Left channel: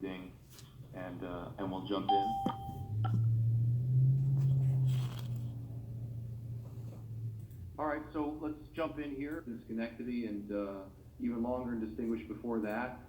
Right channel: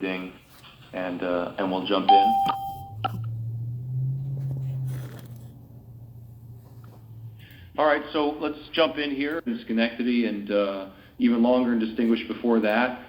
Ding, and we'll jump in. All right, so let's jump in here in Schenectady and even longer and distinguished before that,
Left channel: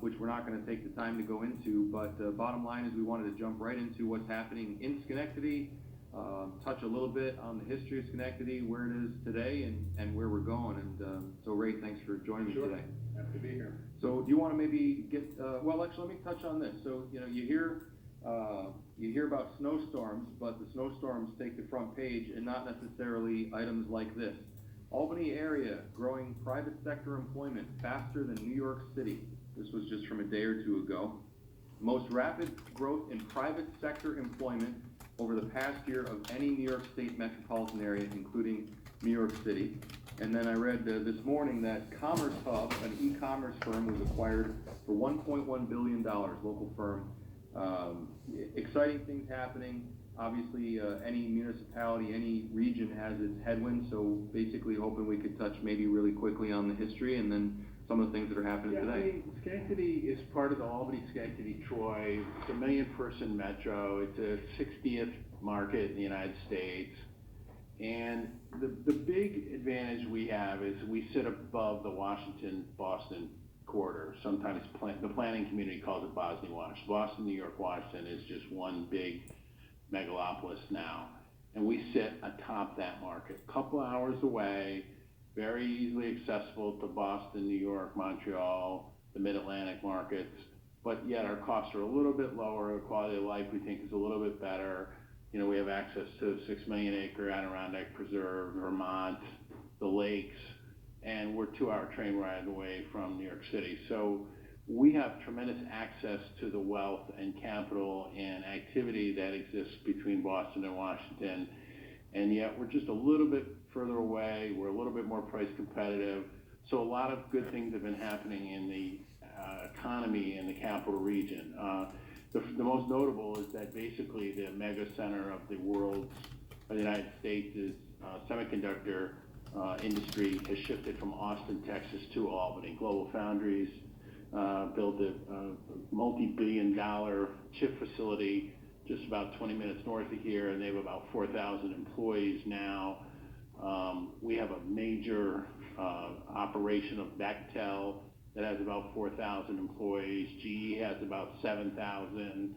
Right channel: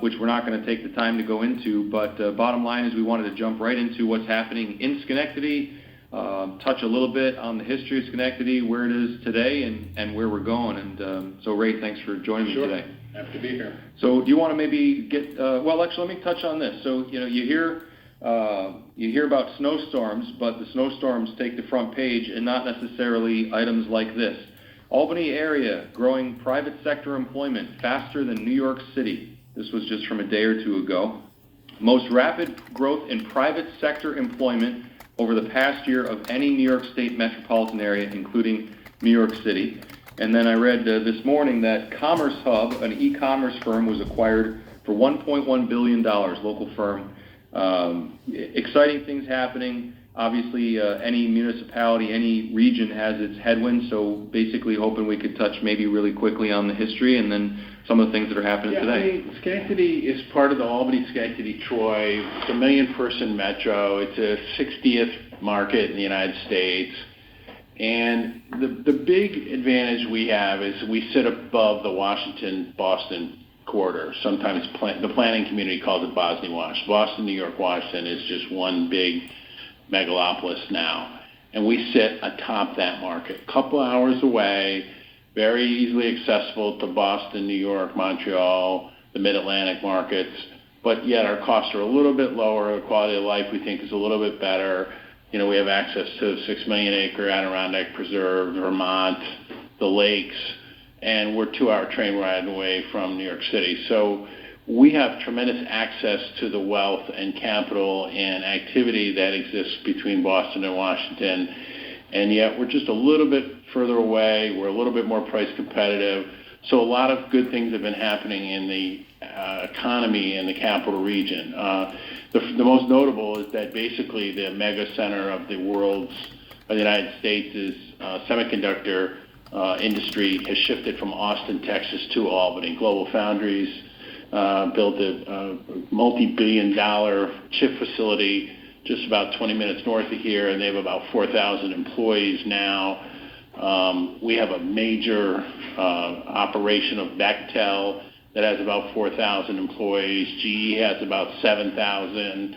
which we're not going to take the time to go into. But bottom line is we wanted to jump right into what's happening in Schenectady, touch a little bit on the history of Schenectady, where it is today, and where we're going. And so, Ray, thanks for joining me today. Happy to be here. So do you want to maybe get, well, actually, let me touch on this. So, you hear about snowstorms, but the snowstorms take the front page and not necessarily items like this. Albany area growing private sector employment faster than New York City. This was just from a day or two ago. Most rapid growth in private sector employment over the past year of any New York State metropolitan area, including New York City. And then I read this morning that Commerce Hub, an e-commerce firm, was acquired for $1.1 billion, local firm. Exciting things happening. Obviously, any municipality, any region has its headwinds, so basically hoping we could touch maybe really quickly on the history and then some of the things that are happening today. I mean, Schenectady is part of the Albany-Schenectady-Troy. It's a million-person metro. It's a 60th market in the United States. And the big advantage we have is we sit above the Washington-Boston corridor. Sometimes the planning community calls it Boston-Wash. Boston, New York, Washington is just one big megalopolis now. And we sit atop that market, a couple hours away, very easily accessible to Boston, New York, Montreal, the Mid-Atlantic markets. But yet our costs are a little bit lower. The quality of life we think is a little bit better. You know, we have access to the 6 million acre Adirondack Preserve, Vermont, the lakes, and we're 2-hour train ride away from New York City. So we have tremendous access to the wealth and capital and activity that exists between Boston and Washington. And yet we're just a little bit further away. We're a little bit more price competitive. So a lot of good things have been happening in the economy in the capital region. The most notable is that basically the mega center of the United States is semiconductor industry has shifted from Austin, Texas to Albany. Global Foundries built a multi-billion-dollar chip facility just about 20 minutes north of here, and they have about 4,000 employees now. We have a major operation of Bechtel that has about 4,000 employees. GE has about 7,000.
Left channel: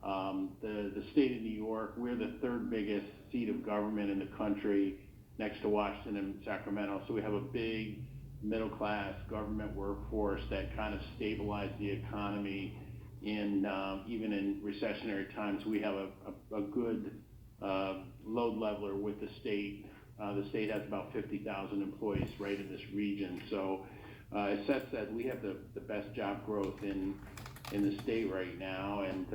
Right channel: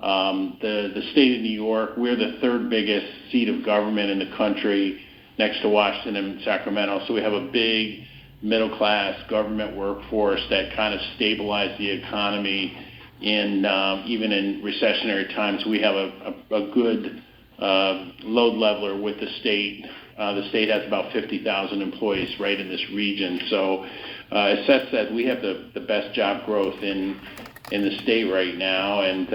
The state of New York, we're the third biggest seat of government in the country next to Washington and Sacramento. So we have a big middle-class government workforce that kind of stabilized the economy in even in recessionary times. We have a good load leveler with the state. The state has about 50,000 employees right in this region. So as Seth said, we have the best job growth in the state right now. And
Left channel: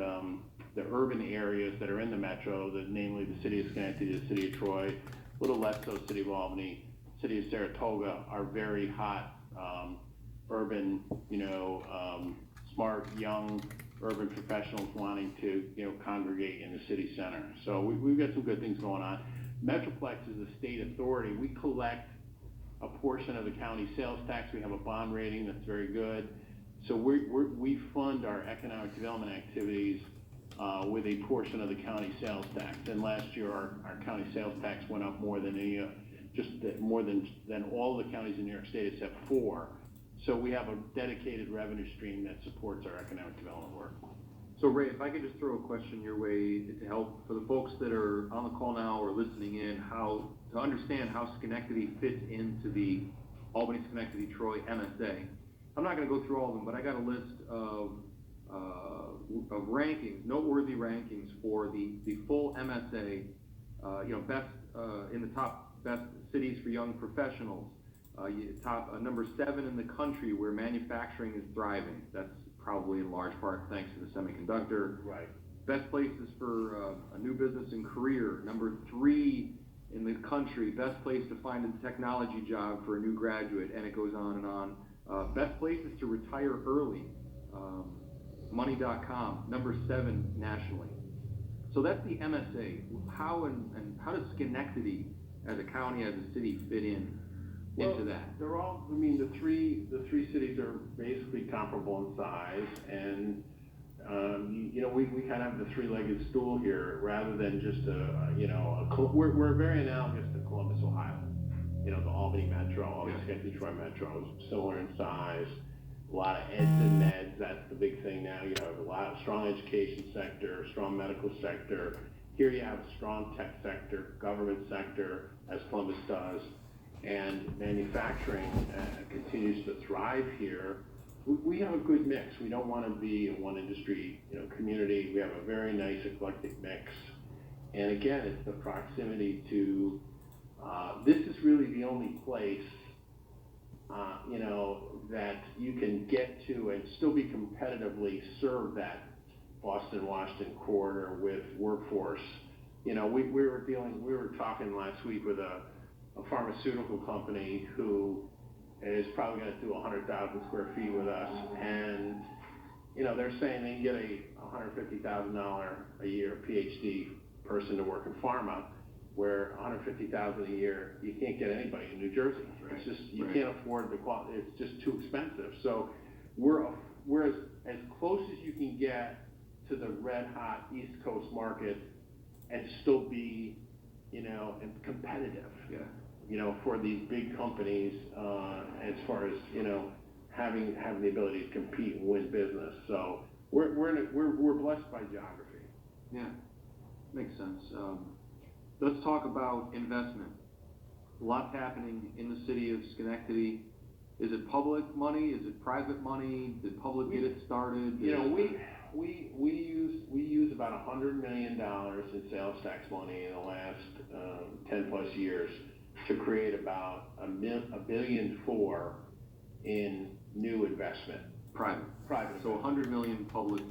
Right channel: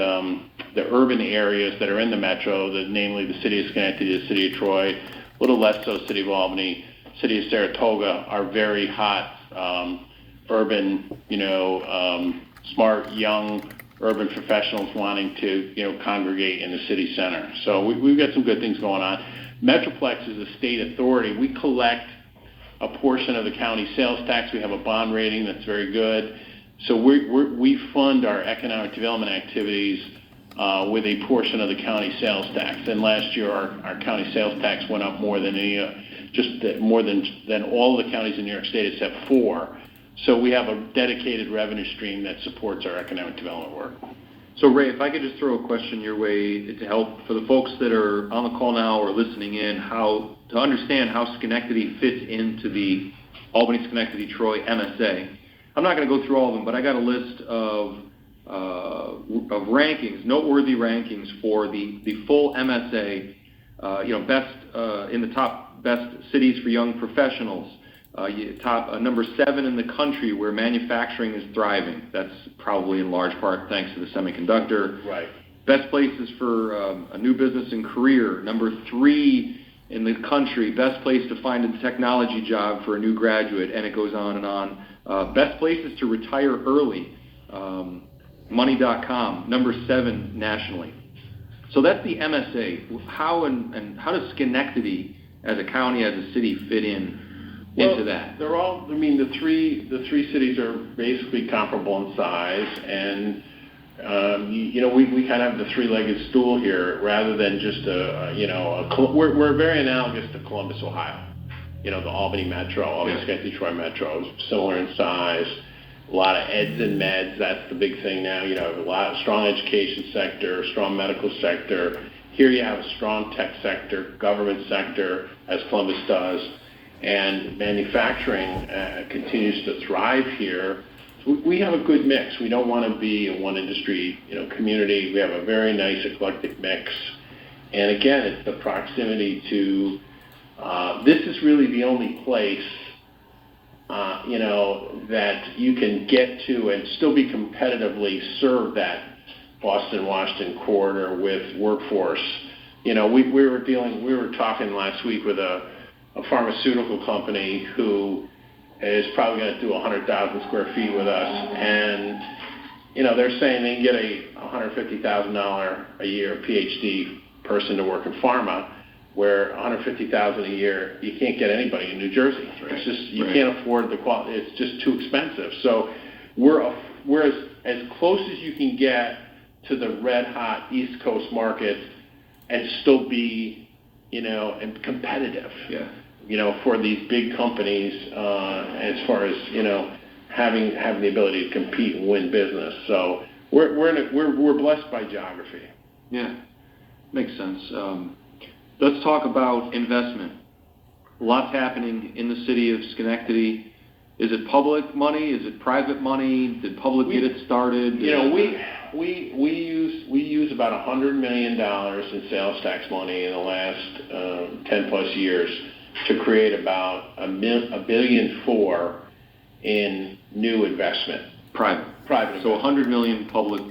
the urban areas that are in the metro, namely the city of Schenectady, the city of Troy, a little less so city of Albany, city of Saratoga, are very hot urban, smart, young urban professionals wanting to, congregate in the city center. So we've got some good things going on. Metroplex is a state authority. We collect a portion of the county sales tax. We have a bond rating that's very good. So we fund our economic development activities with a portion of the county sales tax. And last year, our county sales tax went up more than than all the counties in New York State except 4. So we have a dedicated revenue stream that supports our economic development work. So Ray, if I could just throw a question your way to help for the folks that are on the call now or listening in, how to understand how Schenectady fits into the Albany-Schenectady-Troy MSA. I'm not going to go through all of them, but I got a list of rankings, noteworthy rankings for the full MSA. Best in the top best cities for young professionals. Top number 7 in the country where manufacturing is thriving. That's probably in large part thanks to the semiconductor. Right. Best places for a new business and career. Number 3 in the country. Best place to find a technology job for a new graduate, and it goes on and on. Best places to retire early. Money.com. Number 7 nationally. So that's the MSA. How does Schenectady as a county, as a city, fit into that? They're all. I mean, the three cities are basically comparable in size, and We kind of have the three-legged stool here rather than just we're very analogous to Columbus, Ohio. The Albany Metro, Albany Detroit Metro, similar in size. A lot of eds and meds, that's the big thing now. A lot of strong education sector, strong medical sector. Here you have a strong tech sector, government sector, as Columbus does, and manufacturing continues to thrive here. So we have a good mix. We don't want to be a one industry, community. We have a very nice eclectic mix. And again, it's the proximity to, this is really the only place, that you can get to and still be competitively serve that Boston-Washington corridor with workforce. We were talking last week with a pharmaceutical company who is probably going to do 100,000 square feet with us, and they're saying they can get a $150,000 a year PhD person to work in pharma, where $150,000 a year you can't get anybody in New Jersey. Right. It's just you can't afford the quality. It's just too expensive. So we're as close as you can get to the red hot East Coast market and still be and competitive. Yeah. For these big companies, as far as having the ability to compete and win business. So we're blessed by geography. Yeah, makes sense. Let's talk about investment. Lots happening in the city of Schenectady. Is it public money? Is it private money? Did public get it started? We use about $100 million in sales tax money in the last 10 plus years to create about $1.4 billion in new investment. Private. Private. So $100 million public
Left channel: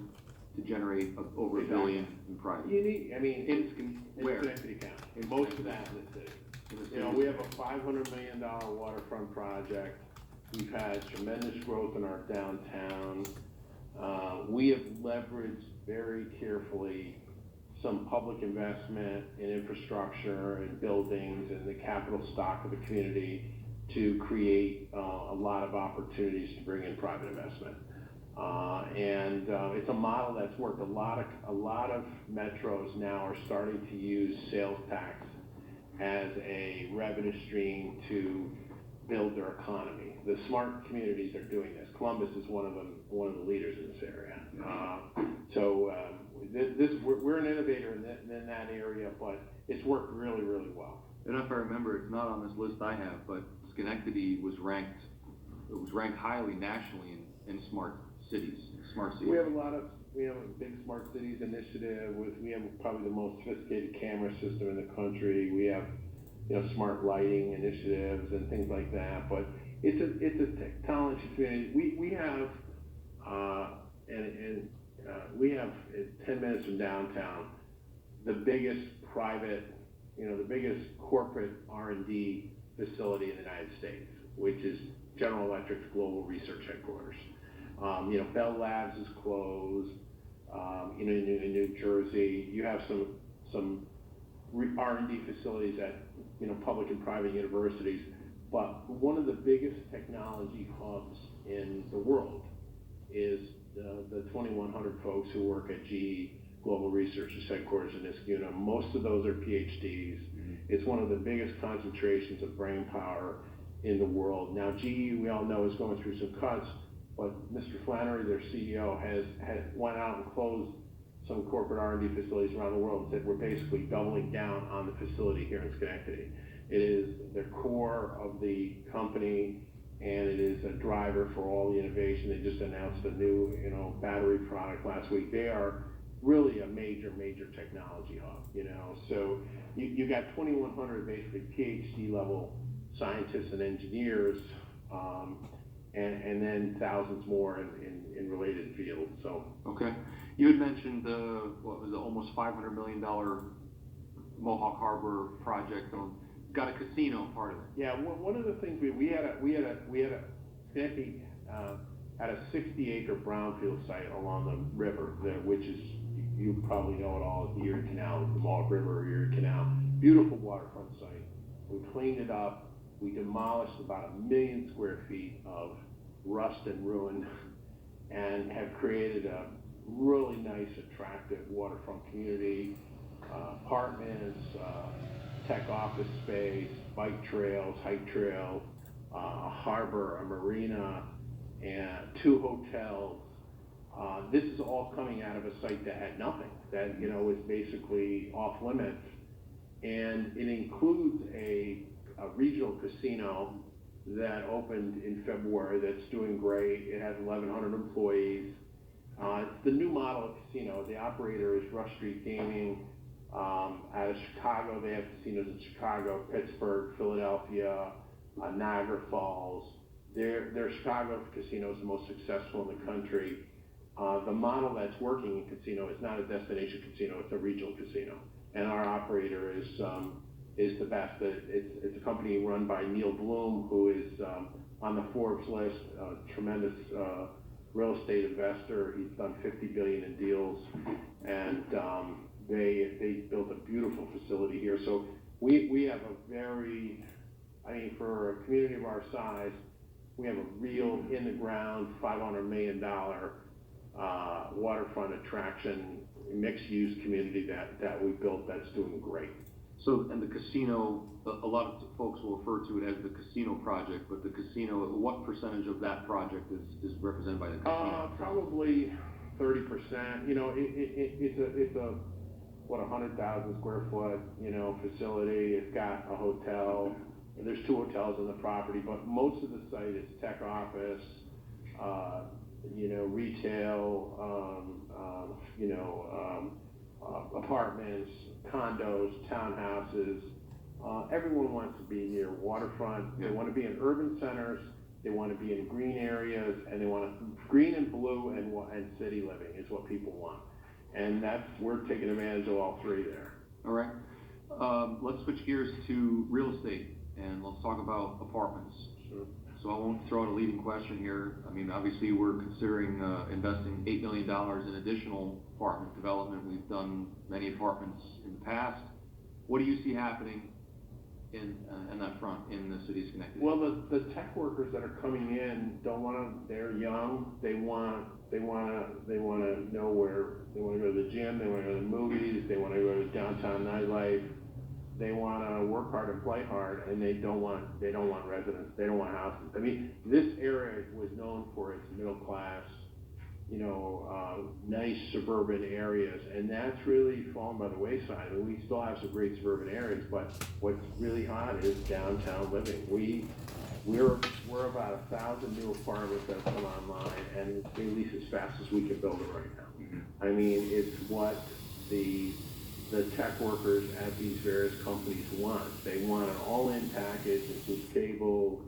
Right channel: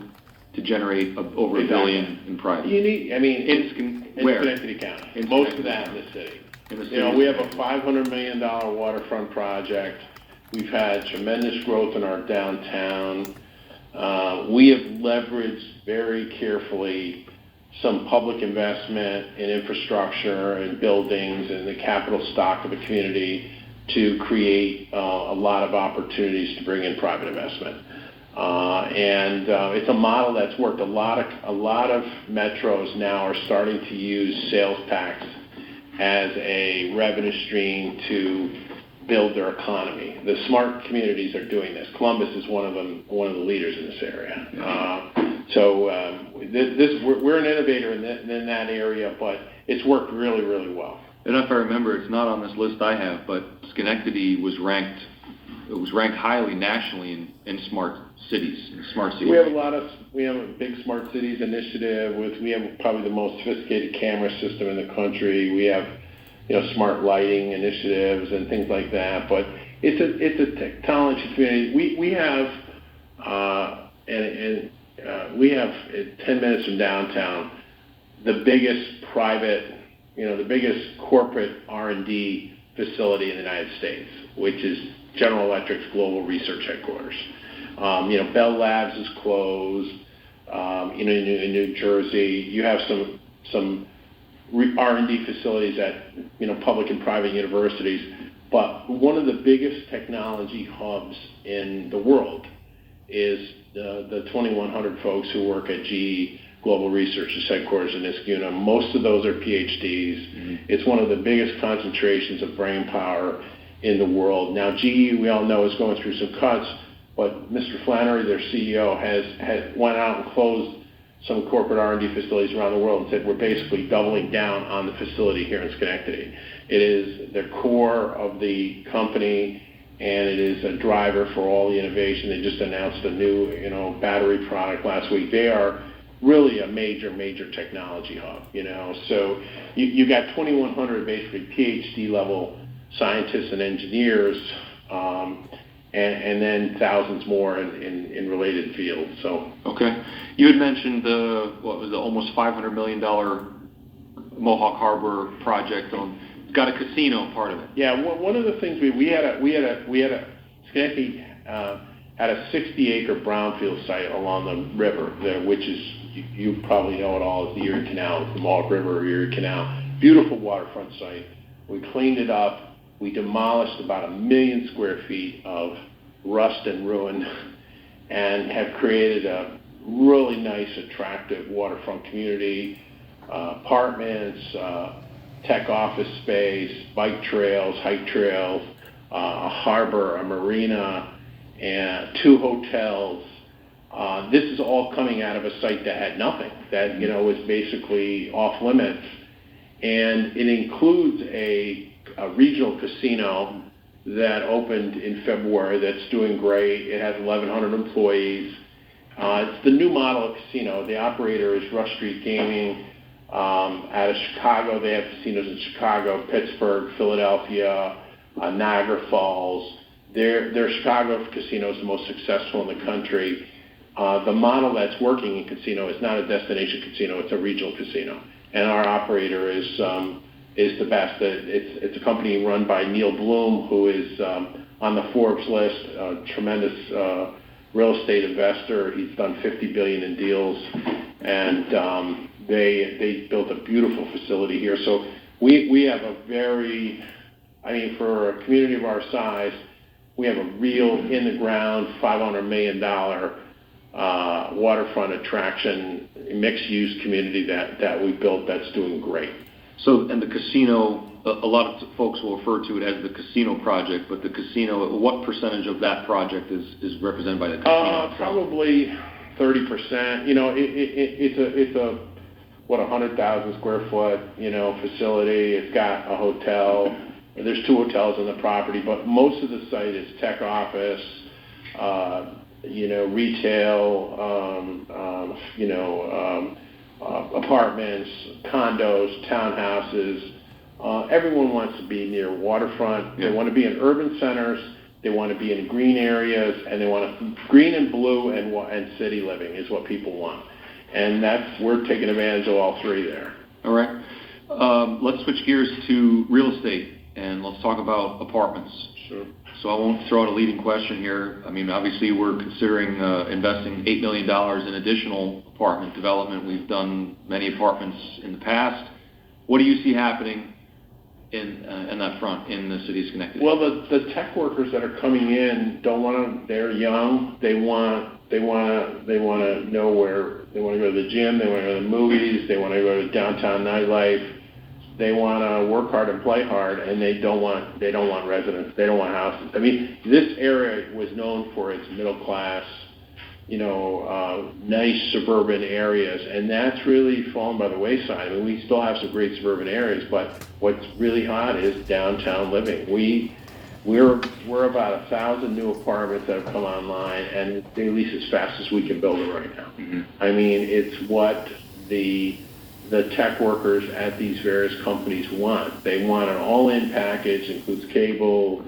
to generate over $1 billion in private. In Schenectady County. Most of that in the city. We have a $500 million waterfront project. We've had tremendous growth in our downtown. We have leveraged very carefully some public investment in infrastructure and buildings and the capital stock of the community to create a lot of opportunities to bring in private investment. It's a model that's worked. A lot of metros now are starting to use sales tax as a revenue stream to build their economy. The smart communities are doing this. Columbus is one of them, one of the leaders in this area. We're an innovator in that area, but it's worked really, really well. And if I remember, it's not on this list I have, but Schenectady was ranked highly nationally in smart cities. We have a big smart cities initiative. We have probably the most sophisticated camera system in the country. We have smart lighting initiatives and things like that. But it's a technology community. We have 10 minutes from downtown, the biggest private, the biggest corporate R&D facility in the United States, which is General Electric's global research headquarters. Bell Labs is closed. In New Jersey, you have some R&D facilities at public and private universities. But one of the biggest technology hubs in the world is the 2,100 folks who work at GE Global Research's headquarters in Niskuna. Most of those are PhDs. Mm-hmm. It's one of the biggest concentrations of brain power in the world. Now, GE, we all know, is going through some cuts, but Mr. Flannery, their CEO, has went out and closed some corporate R&D facilities around the world and said we're basically doubling down on the facility here in Schenectady. It is the core of the company, and it is a driver for all the innovation. They just announced a new, battery product last week. They are really a major technology hub, So you got 2,100 basically PhD level scientists and engineers, and then thousands more in related fields. So okay, you had mentioned the almost $500 million Mohawk Harbor project it's got a casino part of it. Yeah, one of the things Schenectady had a 60-acre brownfield site along the river, which is, you probably know it all, as the Erie Canal, the Mohawk River, Erie Canal. Beautiful waterfront site. We cleaned it up. We demolished about 1 million square feet of rust and ruin, and have created really nice, attractive waterfront community, apartments, tech office space, bike trails, hike trails, a harbor, a marina, and 2 hotels. This is all coming out of a site that had nothing, that was basically off limits, and it includes a regional casino that opened in February that's doing great. It has 1,100 employees. It's the new model of casino. The operator is Rush Street Gaming out of Chicago. They have casinos in Chicago, Pittsburgh, Philadelphia, Niagara Falls. Their Chicago casino is the most successful in the country. The model that's working in casino is not a destination casino, it's a regional casino. And our operator is the best. It's a company run by Neil Bloom, who is on the Forbes list, a tremendous real estate investor. He's done $50 billion in deals, and they built a beautiful facility here. So we have a very, for a community of our size, we have a real in-the-ground $500 million waterfront attraction, mixed-use community that we built that's doing great. So, and the casino, a lot of folks will refer to it as the casino project, but the casino, what percentage of that project is represented by the casino? Probably 30%. It's a 100,000 square foot, facility. It's got a hotel. There's 2 hotels on the property, but most of the site is tech office, retail, apartments, condos, townhouses. Everyone wants to be near waterfront. Yeah. They want to be in urban centers. They want to be in green areas, and they want to green and blue and city living is what people want. And we're taking advantage of all 3 there. All right. Let's switch gears to real estate, and let's talk about apartments. Sure. So I won't throw out a leading question here. Obviously we're considering investing $8 million in additional apartment development. We've done many apartments in the past. What do you see happening in that front in the city of Schenectady? Well, the tech workers that are coming in don't want to. They're young. They want to know where they want to go to the gym. They want to go to the movies. They want to go to downtown nightlife. They want to work hard and play hard, and they don't want residents. They don't want houses. This area was known for its middle class, nice suburban areas, and that's really fallen by the wayside. We still have some great suburban areas, but what's really hot is downtown living. We're about 1,000 new apartments that have come online, and they lease as fast as we can build them right now. Mm-hmm. It's what the tech workers at these various companies want. They want an all-in package, includes cable,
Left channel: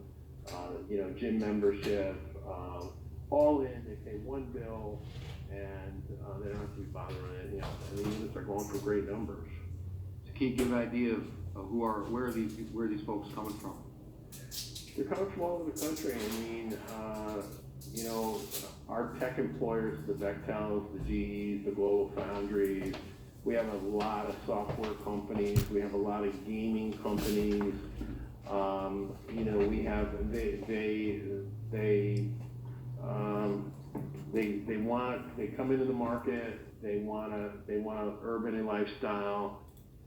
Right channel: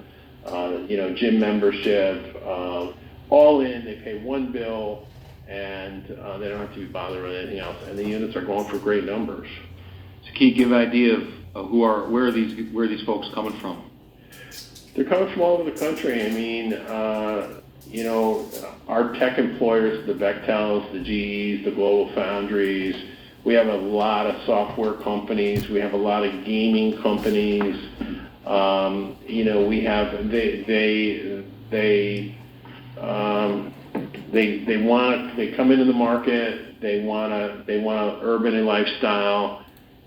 gym membership, all in. They pay one bill, and they don't have to be bothered with anything else. And the units are going for great numbers. So can you give an idea of where are these folks coming from? They're coming from all over the country. Our tech employers, the Bechtels, the GEs, the Global Foundries. We have a lot of software companies. We have a lot of gaming companies. We have they come into the market. They want urban and lifestyle,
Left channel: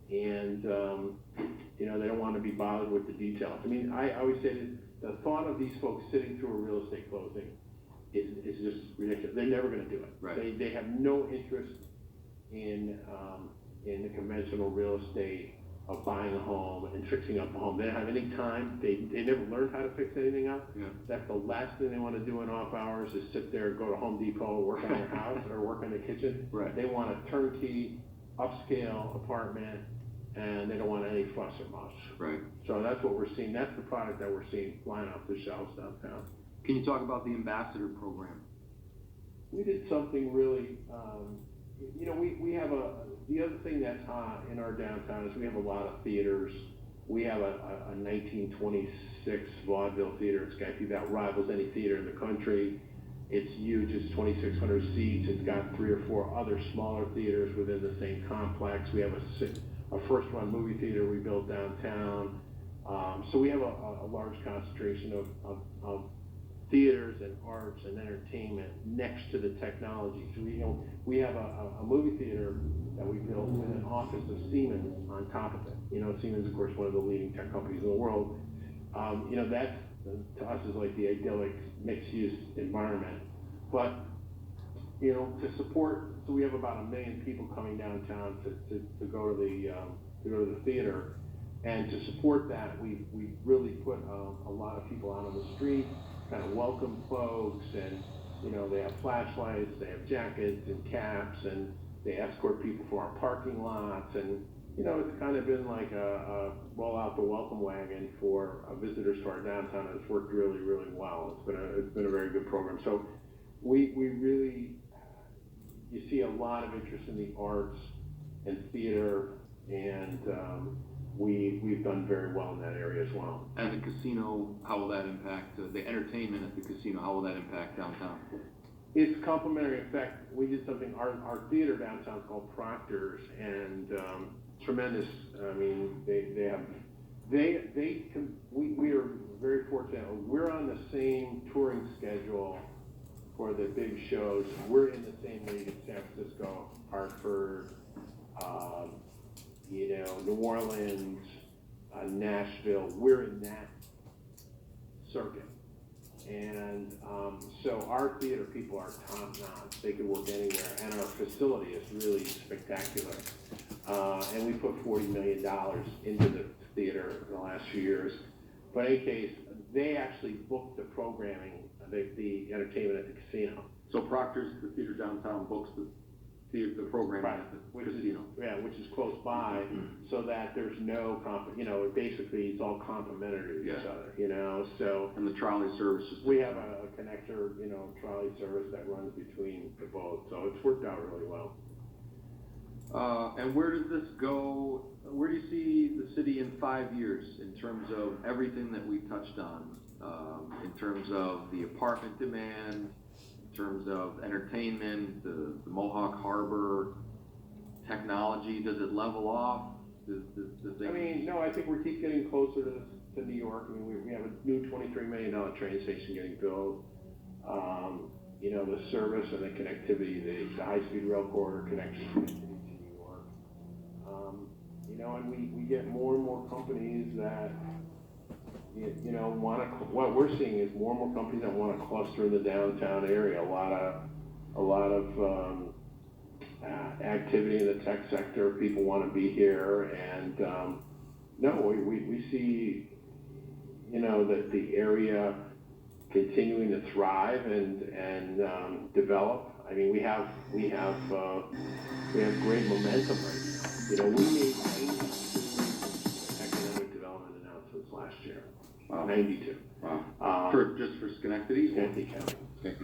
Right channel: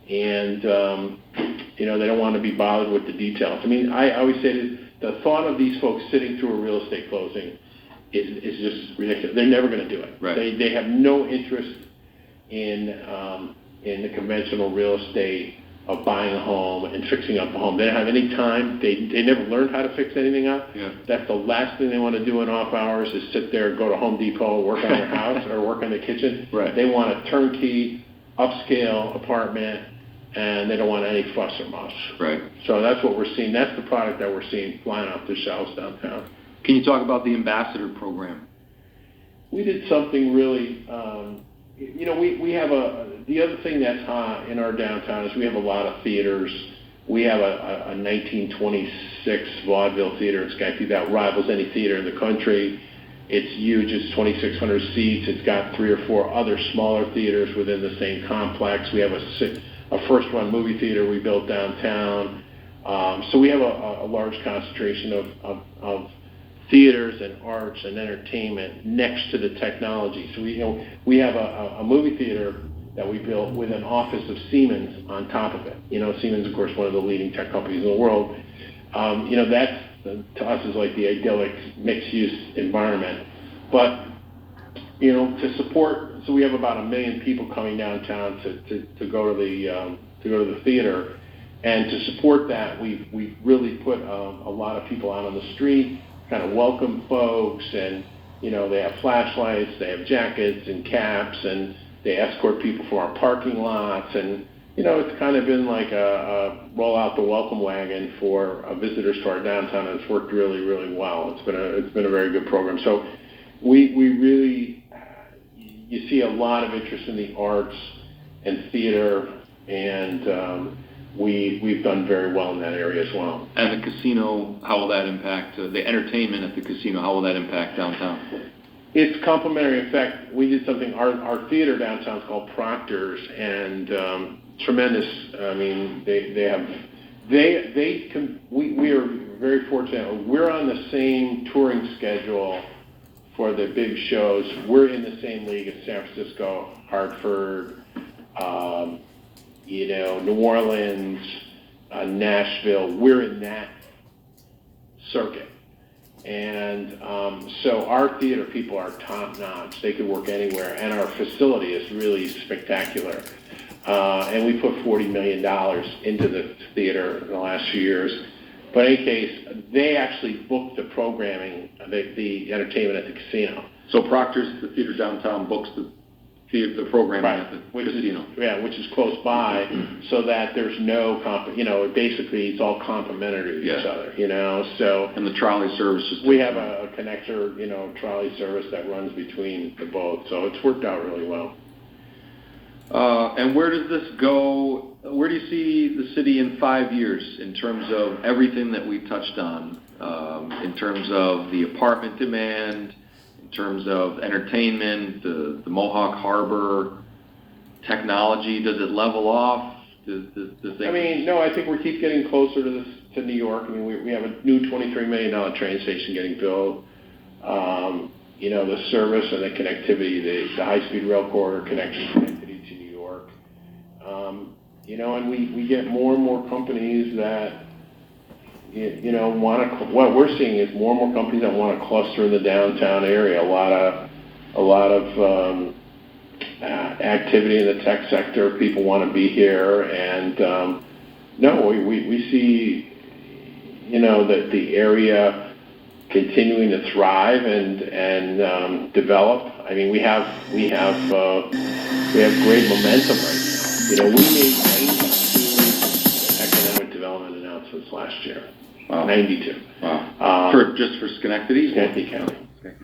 and they don't want to be bothered with the details. I always say that the thought of these folks sitting through a real estate closing is just ridiculous. They're never going to do it. Right. They have no interest in the conventional real estate of buying a home and fixing up a home. They don't have any time. They never learned how to fix anything up. Yeah. That's the last thing they want to do in off hours is sit there, go to Home Depot, work on their house or work on the kitchen. Right. They want a turnkey, upscale apartment, and they don't want any fuss or muss. Right. So that's what we're seeing. That's the product that we're seeing flying off the shelves downtown. Can you talk about the ambassador program? We did something really, we have the other thing that's hot in our downtown is we have a lot of theaters. We have a 1926 vaudeville theater in Schenectady that rivals any theater in the country. It's huge. It's 2,600 seats. It's got 3 or 4 other smaller theaters within the same complex. We have a first-run movie theater we built downtown. So we have a large concentration of theaters and arts and entertainment next to the technology. So we have a movie theater that we built with an office of Siemens on top of it. Siemens, of course, one of the leading tech companies in the world. That's to us is like the idyllic mixed-use environment. But to support, so we have about 1 million people coming downtown to go to the theater, and to support that, we've really put a lot of people out on the street, kind of welcome folks, and they have flashlights, they have jackets and caps, and they escort people from our parking lots, and it's kind of been like a roll out the welcome wagon for visitors to our downtown, and it's worked really, really well. It's been a very good program. So we really, you see a lot of interest in the arts and theater, and we've done very well in that area as well. And the casino, how will that impact, the entertainment at the casino, how will that impact downtown? It's complementary. In fact, we did something, our theater downtown is called Proctor's, and tremendous. I mean, we are very fortunate. We're on the same touring schedule for the big shows. We're in the same league as San Francisco, Hartford, New Orleans, Nashville. We're in that circuit. And so our theater people are top notch. They could work anywhere. And our facility is really spectacular. And we put $40 million into the theater in the last few years. But in any case, they actually book the programming, the entertainment at the casino. So Proctor's, the theater downtown, books the programming at the casino. Which is close by, so that there's no basically it's all complementary to each other, so. And the trolley service is. We have a connector, trolley service that runs between the both, so it's worked out really well. And where does this go? Where do you see the city in 5 years in terms of everything that we've touched on, in terms of the apartment demand, in terms of entertainment, the Mohawk Harbor, technology? Does it level off? No, I think we keep getting closer to New York. I mean, we have a new $23 million train station getting built. The service and the connectivity, the high-speed rail corridor connectivity to New York. And we get more and more companies that what we're seeing is more and more companies that want to cluster in the downtown area. A lot of activity in the tech sector. People want to be here, and we see that the area continuing to thrive and develop. I mean, we have great momentum right now. We made 92 economic development announcements last year. Wow. 92. Wow. For Schenectady? Schenectady County. Okay.